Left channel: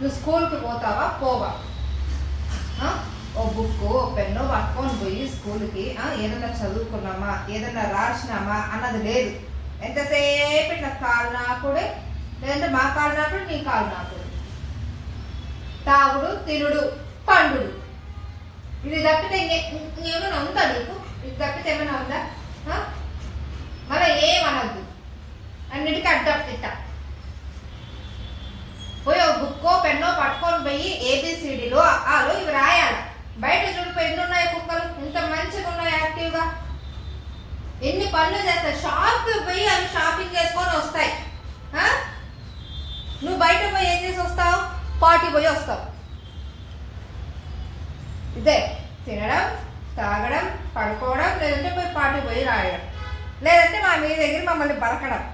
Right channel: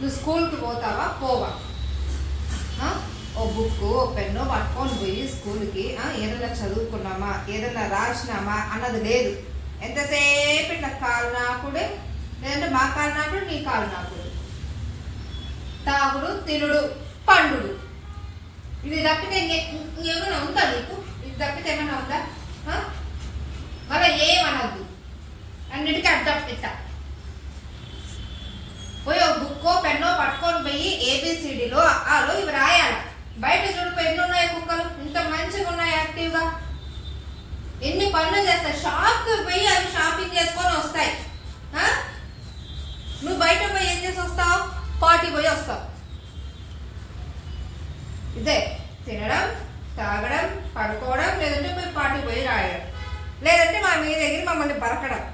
నువ్వు స్కూల్కి పోతావా పోవా? ఓ బుక్ ఓ పెన్ను పట్టుకొని పోయి స్కూల్కి ఏదైనా చదువుకున్నామా ఏదైనా రాసినామా అన్నది లేదు. ఎంతసేపు ఇట్లా కాలు నాకుడే, లేదంటే మా కాలు నాకుడు నీ కాలు నాకుడు, తాగుడు తినుడు పండుడు. ఇది తప్పితే ఇంకేమైనా ఉందా నీకు? ఇది తప్పితే ఏమైనా ఉందా? మళ్ళీ ఏమనద్దు, అన్నిటికీ అడ్డం పెట్టా. పోయి ఒక బుక్కో పెన్నో పట్టుకొని పోయి ఏబిసిడీలో ఆలో ఇవి రాయాల. బయట చూడు ఎన్ని ఉన్నాయి కుక్కలు, ఇంత మంచిగా ఉన్నాయి యాక్టివ్గా, ఎన్ని పనులు చేస్తాయి. షాప్కి పోయి అవి షాపింగ్ చేసుకొని వస్తాయి. నువ్వు బయట పోయి ఏం చేసి వస్తావు? పార్టీ పోయి వస్తావు. ఇదే తినడం తాగడం పడుకోవడం, లేదంటే పోయి పార్టీ పోయి రాయడం, లేదంటే మా మీద దగ్గర మమ్మల్ని బరకడం.